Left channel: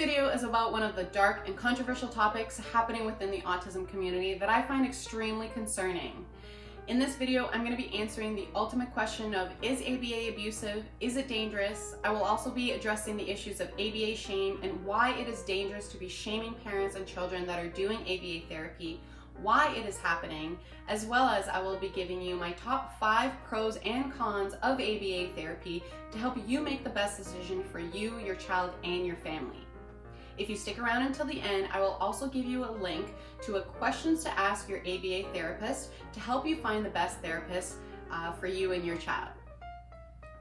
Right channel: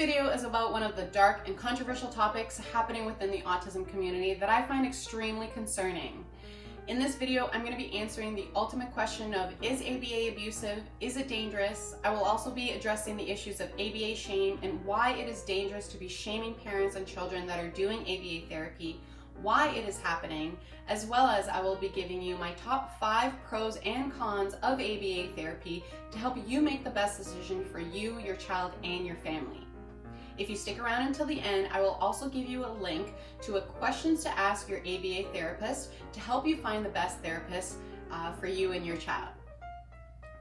video is about one of the dark and controversial topics happening within the autism community that I find extremely concerning. In this video, I'm going to be answering the ultimate question of, is ABA abusive? Is it dangerous? I will also be addressing the issues of ABA shame and why it is dangerous to be shaming parents and children that are doing ABA therapy, why it is happening, as well as I will be giving you my top 5 pros and cons of ABA therapy to help you make the best decision for you, your child, and your family. If you stick around until the end, I will also give you a link to a questions to ask your ABA therapist to help you find the best therapist for you and your child.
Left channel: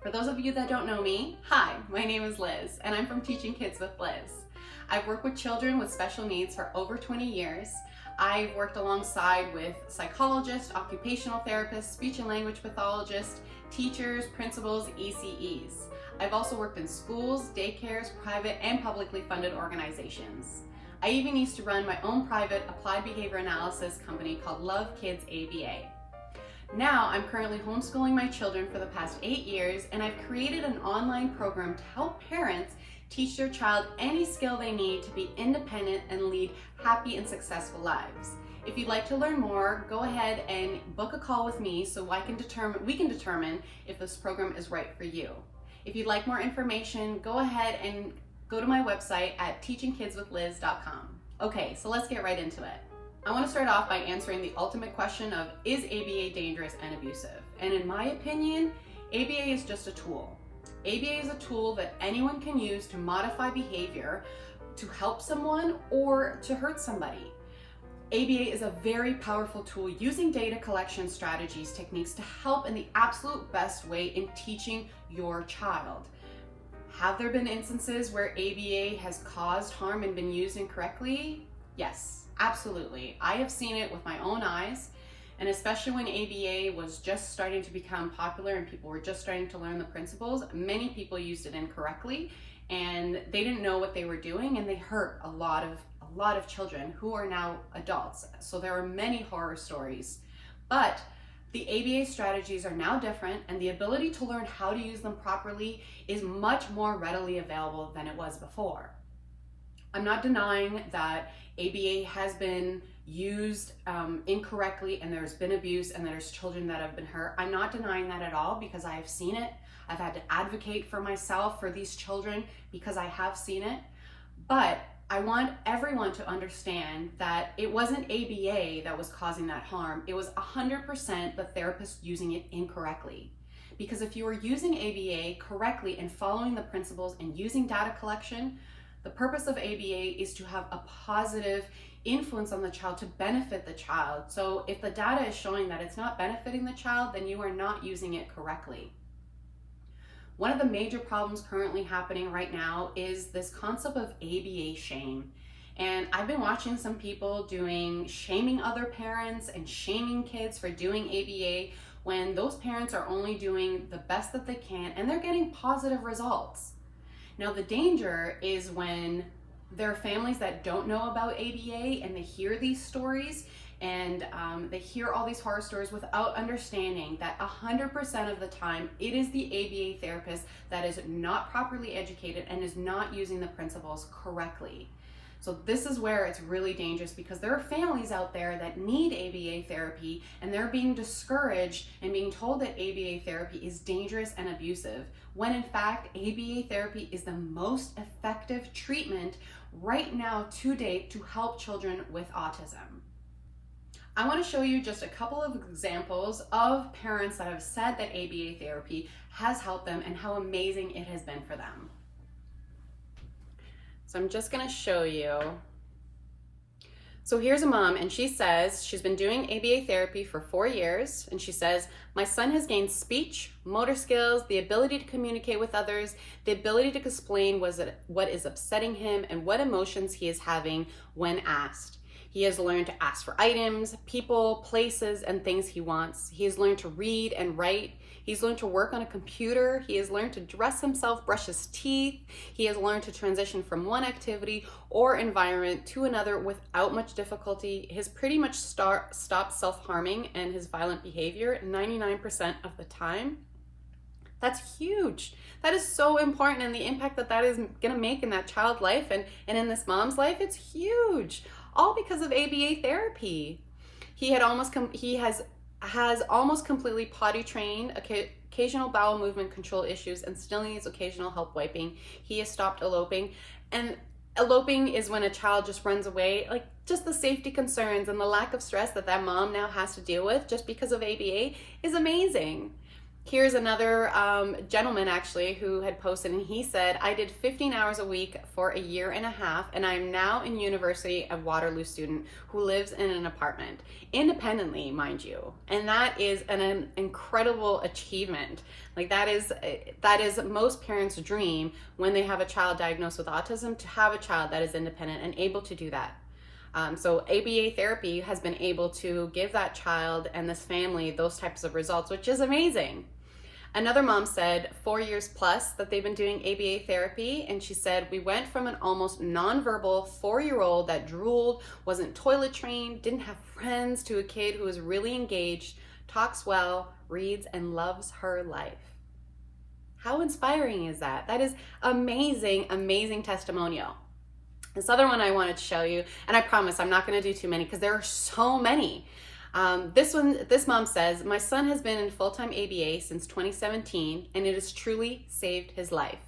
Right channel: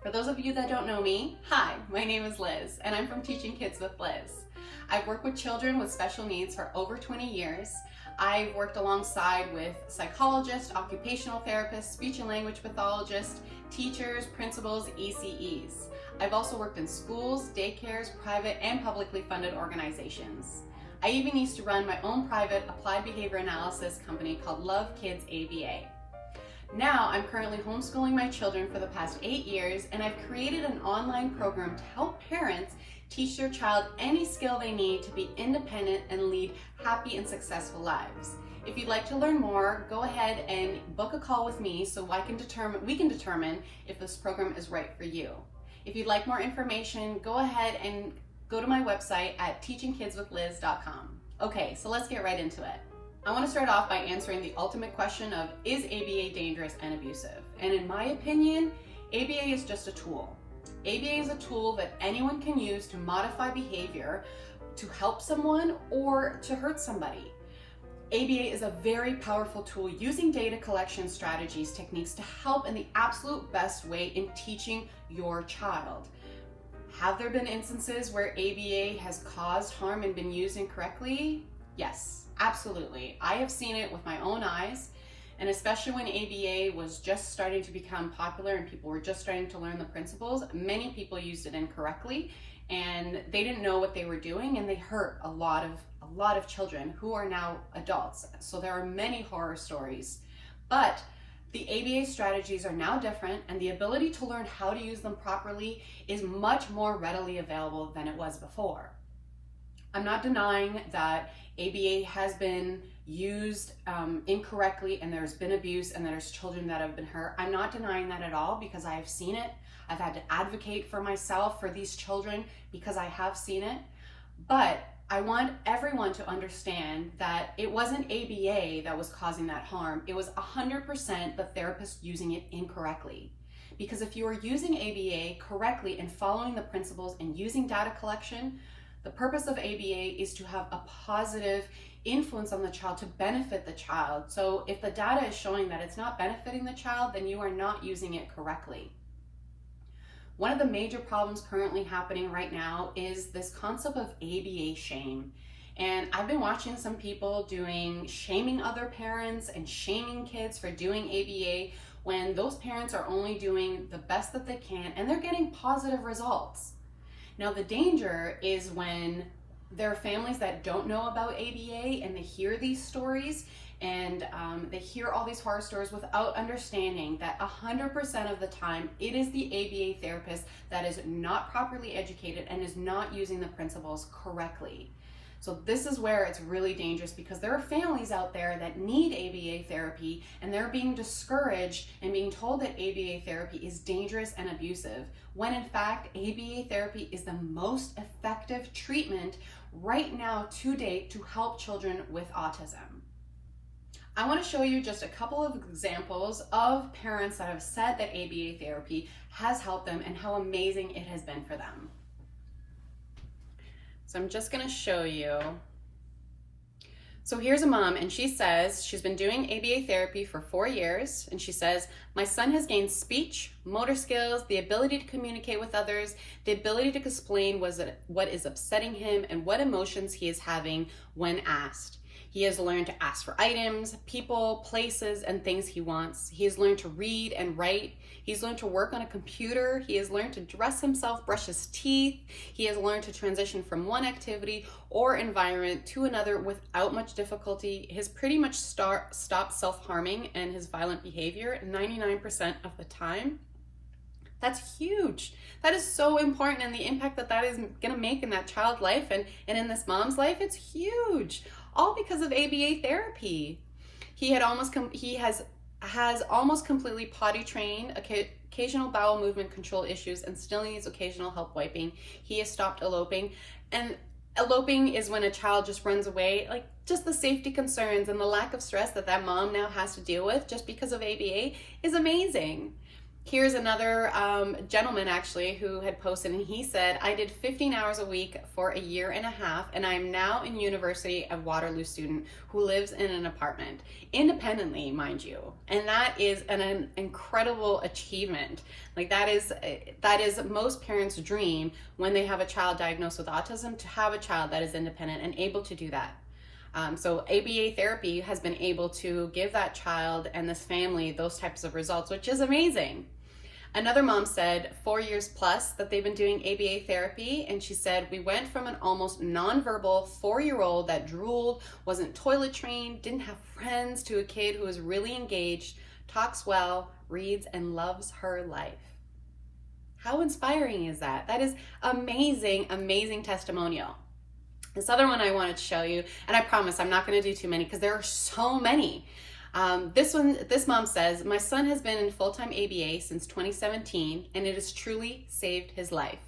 For those of you that don't know me, hi, my name is Liz, and I'm from Teaching Kids with Liz. I've worked with children with special needs for over 20 years. I've worked alongside with psychologists, occupational therapists, speech and language pathologists, teachers, principals, ECEs. I've also worked in schools, daycares, private and publicly funded organizations. I even used to run my own private applied behavior analysis company called Love Kids ABA. Now I'm currently homeschooling my children for the past 8 years, and I've created an online program to help parents teach their child any skill they need to be independent and lead happy and successful lives. If you'd like to learn more, go ahead and book a call with me so we can determine if this program is right for you. If you'd like more information, go ahead and go to my website at teachingkidswithliz.com. Okay, so let's get right into it. I want to start off by answering the ultimate question of, is ABA dangerous and abusive? And in my opinion, ABA is just a tool. ABA is a tool that anyone can use to modify behavior, to help someone, or to hurt somebody. ABA is a very powerful tool using data collection strategies, techniques to help in the absolute best way in teaching your child. Have there been instances where ABA has caused harm and been used incorrectly? Yes, absolutely. I have seen it with my own eyes, and especially when ABA was just starting to become popular and people were just starting to learn the principles, many people used it incorrectly and they didn't know what they were doing, and they hurt a lot of children who are now adults. So there are many horror stories, but the ABA strategies are now different, and the ability to learn how to use them properly is much more readily available than it was before. I'm not denying that ABA has been used incorrectly, and there's been abuse, and there's children that have been hurt. I'm not denying that at all, because I have seen it. I've had to advocate for myself for these children because I have seen it. But I want everyone to understand that it wasn't ABA that was causing that harm. It was 100% the therapist using it incorrectly. Because if you are using ABA correctly and following the principles and using data collection, the purpose of ABA is to have a positive influence on the child, to benefit the child. So if the data is showing that it's not benefiting the child, then you are not using it correctly. One of the major problems currently happening right now is this concept of ABA shame. And I've been watching some people shaming other parents and shaming kids for doing ABA when those parents are only doing the best that they can and they're getting positive results. Now the danger is when there are families that don't know about ABA and they hear these stories and they hear all these horror stories without understanding that 100% of the time it is the ABA therapist that is not properly educated and is not using the principles correctly. So this is where it's really dangerous, because there are families out there that need ABA therapy and they're being discouraged and being told that ABA therapy is dangerous and abusive, when in fact ABA therapy is the most effective treatment right now to date to help children with autism. I want to show you just a couple of examples of parents that have said that ABA therapy has helped them and how amazing it has been for them. So I'm just going to show you. So here's a mom, and she says she's been doing ABA therapy for 4 years, and she says, my son has gained speech, motor skills, the ability to communicate with others, the ability to explain what is upsetting him and what emotions he is having when asked. He has learned to ask for items, people, places, and things he wants. He has learned to read and write. He's learned to work on a computer. He has learned to dress himself, brush his teeth. He has learned to transition from one activity or environment to another without much difficulty. He has pretty much stopped self-harming and his violent behavior 99% of the time. That's huge. That is so important, and the impact that that is going to make in that child's life and in this mom's life, it's huge. All because of ABA therapy. He has almost completely potty trained, occasional bowel movement control issues, and still needs occasional help wiping. He has stopped eloping. And eloping is when a child just runs away, like just the safety concerns and the lack of stress that mom now has to deal with just because of ABA is amazing. Here's another gentleman actually who had posted, and he said, I did 15 hours a week for a year and a half, and I'm now a University of Waterloo student who lives in an apartment, independently, mind you. And that is an incredible achievement. Like that is most parents' dream when they have a child diagnosed with autism, to have a child that is independent and able to do that. So ABA therapy has been able to give that child and this family those types of results, which is amazing. Another mom said 4 years plus that they've been doing ABA therapy, and she said, we went from an almost nonverbal 4-year-old that drooled, wasn't toilet trained, didn't have friends, to a kid who is really engaged, talks well, reads, and loves her life. How inspiring is that? That is amazing, amazing testimonial. This other one I wanted to show you, and I promise I'm not going to do too many because there are so many. This mom says, my son has been in full-time ABA since 2017, and it has truly saved his life.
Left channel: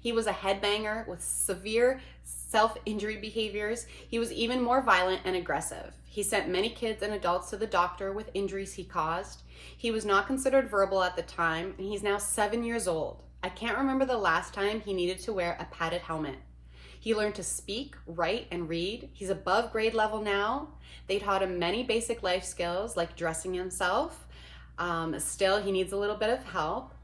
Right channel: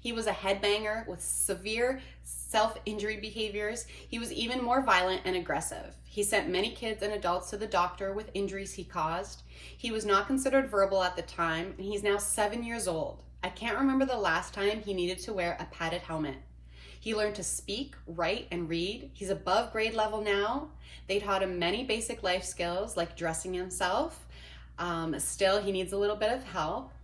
He was a headbanger with severe self-injury behaviors. He was even more violent and aggressive. He sent many kids and adults to the doctor with injuries he caused. He was not considered verbal at the time, and he's now 7 years old. I can't remember the last time he needed to wear a padded helmet. He learned to speak, write, and read. He's above grade level now. They taught him many basic life skills like dressing himself. Still, he needs a little bit of help.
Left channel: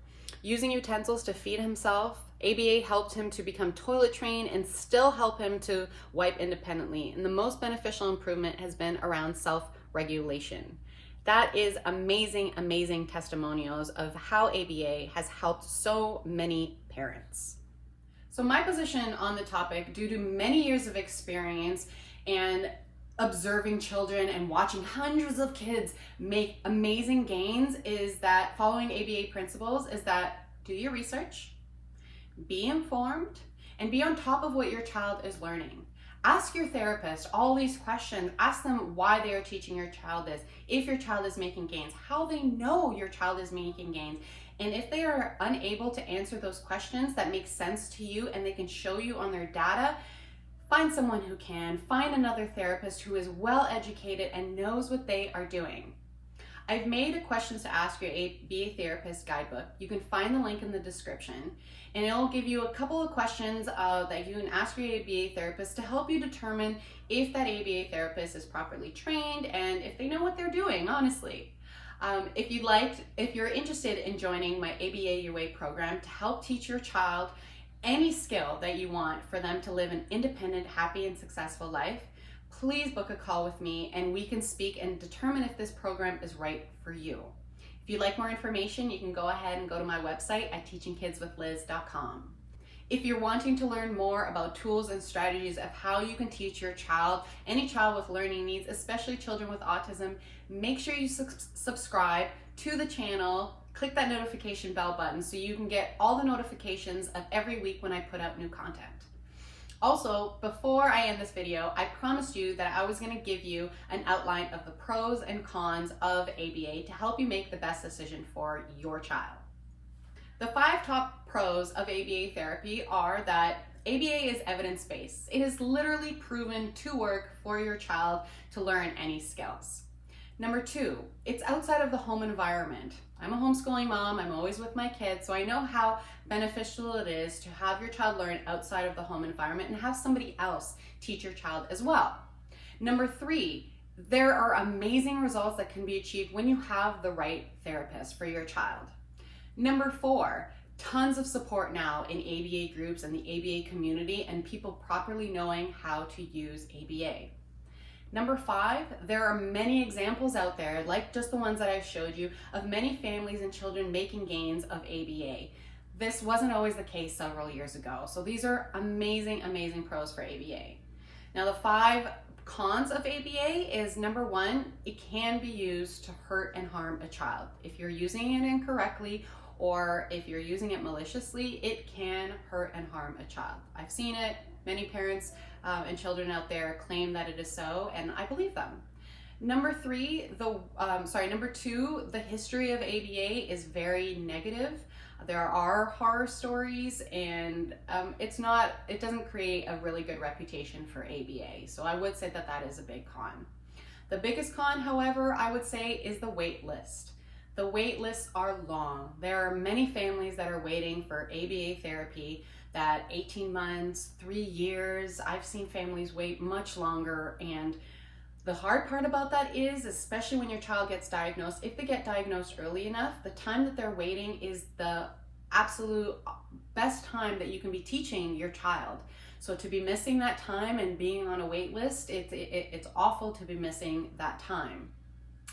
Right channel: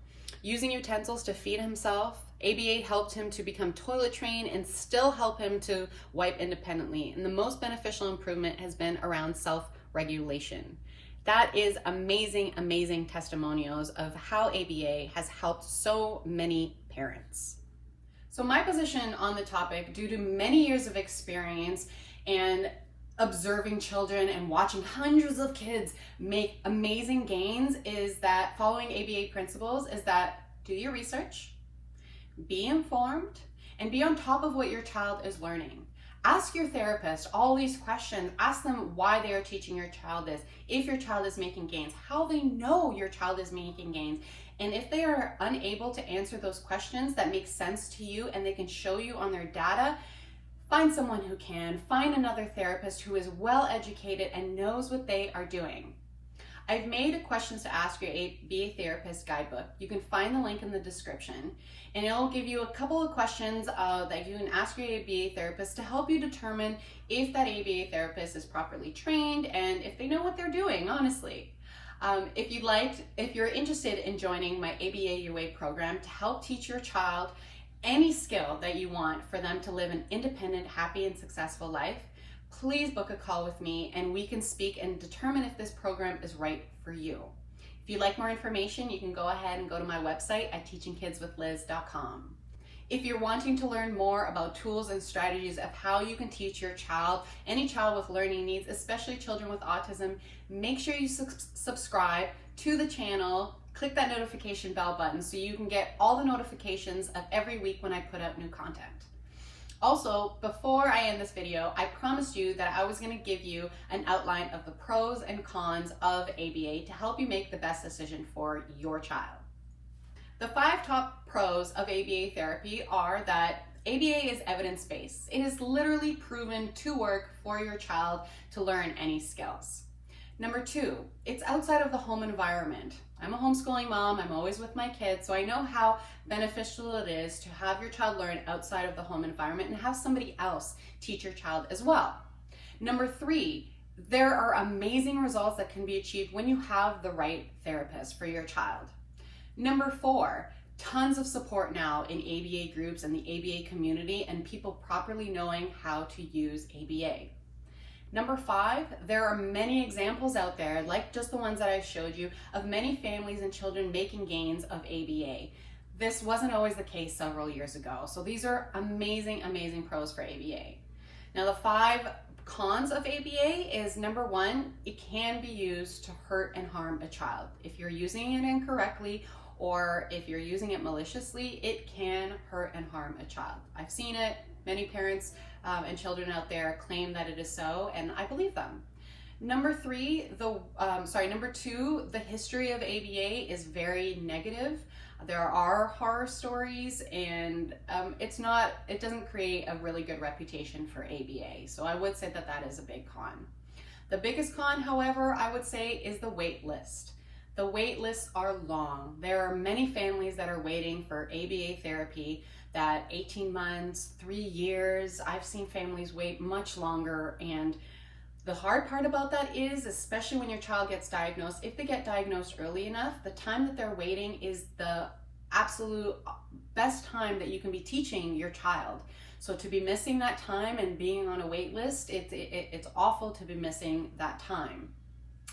Using utensils to feed himself. ABA helped him to become toilet trained and still help him to wipe independently. And the most beneficial improvement has been around self-regulation. That is amazing, amazing testimonials of how ABA has helped so many parents. So my position on the topic, due to many years of experience and observing children and watching hundreds of kids make amazing gains, is that following ABA principles is that do your research, be informed, and be on top of what your child is learning. Ask your therapist all these questions. Ask them why they are teaching your child this, if your child is making gains, how they know your child is making gains. And if they are unable to answer those questions that make sense to you and they can show you on their data, find someone who can. Find another therapist who is well educated and knows what they are doing. I've made a questions to ask your ABA therapist guidebook. You can find the link in the description, and it'll give you a couple of questions that you can ask your ABA therapist to help you determine if that ABA therapist is properly trained and if they know what they're doing, honestly. If you're interested in joining my ABA UA program to help teach your child any skill that you want for them to live an independent, happy, and successful life, please book a call with me and we can speak and determine if this program is right for you. If you'd like more information, you can go ahead and go to my website at teachingkidswithliz.com. If you're wanting to learn more about tools and strategies of how you can teach your child, any child with learning needs, especially children with autism, make sure you subscribe to the channel. Click that notification bell button so you can get all the notifications of every week when I put out new content. Also, before I end this video, I promised you that I was going to give you an outline of the pros and cons of ABA to help you make the best decision for your child. The 5 top pros of ABA therapy are that ABA is evidence-based. It is literally proven to work for your child to learn any skills. Number 2, it's outside of the home environment. I'm a homeschooling mom, I'm always with my kids, so I know how beneficial it is to have your child learn outside of the home environment and have somebody else teach your child as well. Number 3, there are amazing results that can be achieved when you have the right therapist for your child. Number 4, tons of support now in ABA groups and the ABA community and people properly knowing how to use ABA. Number 5, there are many examples out there, like just the ones that I've showed you, of many families and children making gains of ABA. This wasn't always the case several years ago. So these are amazing, amazing pros for ABA. Now the 5 cons of ABA is, number 1, it can be used to hurt and harm a child. If you're using it incorrectly or if you're using it maliciously, it can hurt and harm a child. I've seen it. Many parents and children out there claim that it is so, and I believe them. Number two, the history of ABA is very negative. There are horror stories, and it doesn't create a really good reputation for ABA. So I would say that that is a big con. The biggest con, however, I would say is the wait list. The wait lists are long. There are many families that are waiting for ABA therapy, that 18 months, 3 years. I've seen families wait much longer, and the hard part about that is, especially when your child gets diagnosed, if they get diagnosed early enough, the time that they're waiting is the absolute best time that you can be teaching your child. So to be missing that time and being on a wait list, it's awful to be missing that time.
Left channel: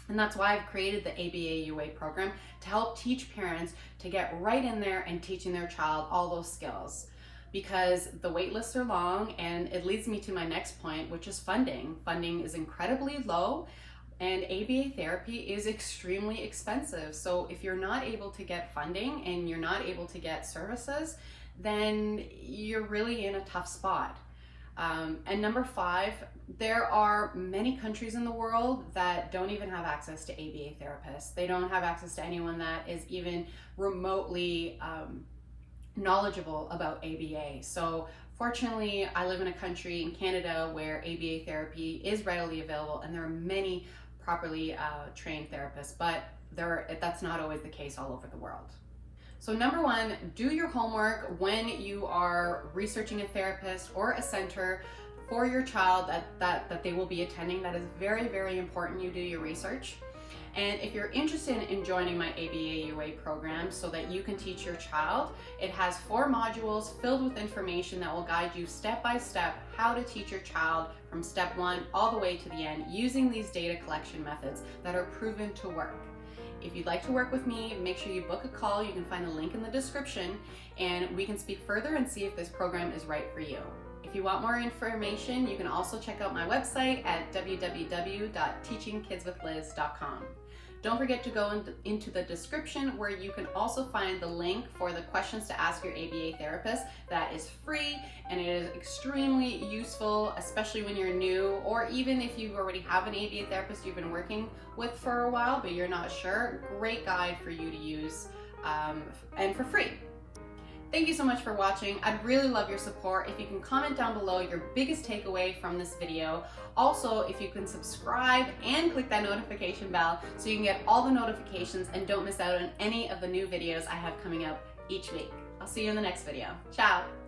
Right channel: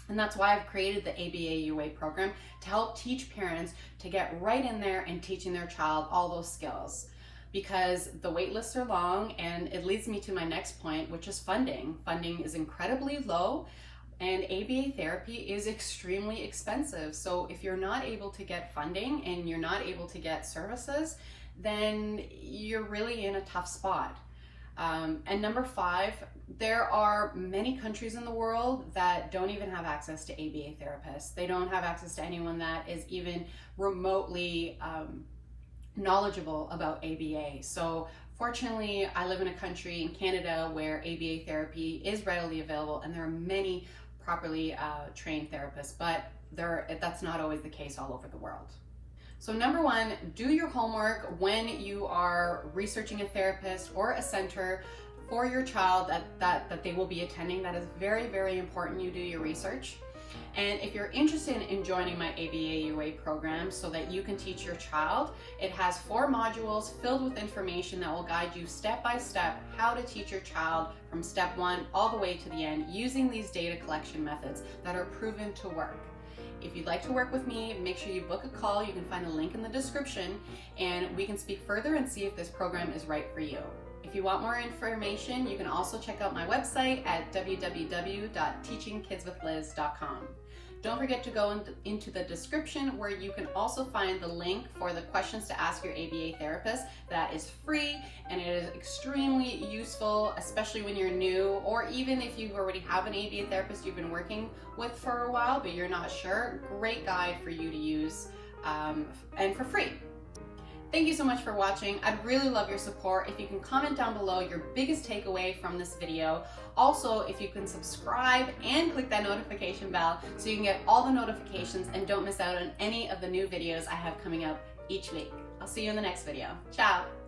And that's why I've created the ABA UA program, to help teach parents to get right in there and teaching their child all those skills. Because the wait lists are long, and it leads me to my next point, which is funding. Funding is incredibly low, and ABA therapy is extremely expensive. So if you're not able to get funding and you're not able to get services, then you're really in a tough spot. And number 5, there are many countries in the world that don't even have access to ABA therapists. They don't have access to anyone that is even remotely knowledgeable about ABA. So fortunately, I live in a country in Canada where ABA therapy is readily available, and there are many properly trained therapists, but that's not always the case all over the world. So number 1, do your homework when you are researching a therapist or a center for your child that they will be attending. That is very, very important. You do your research. And if you're interested in joining my ABA UA program so that you can teach your child, it has 4 modules filled with information that will guide you step by step how to teach your child from step 1 all the way to the end, using these data collection methods that are proven to work. If you'd like to work with me, make sure you book a call. You can find a link in the description, and we can speak further and see if this program is right for you. If you want more information, you can also check out my website at www.teachingkidswithliz.com. Don't forget to go into the description, where you can also find the link for the questions to ask your ABA therapist. That is free, and it is extremely useful, especially when you're new, or even if you already have an ABA therapist you've been working with for a while but you're not sure. Great guide for you to use, and for free. Thank you so much for watching. I'd really love your support. If you can comment down below your biggest takeaway from this video. Also, if you can subscribe and click that notification bell so you can get all the notifications and don't miss out on any of the new videos I have coming up each week. I'll see you in the next video. Ciao.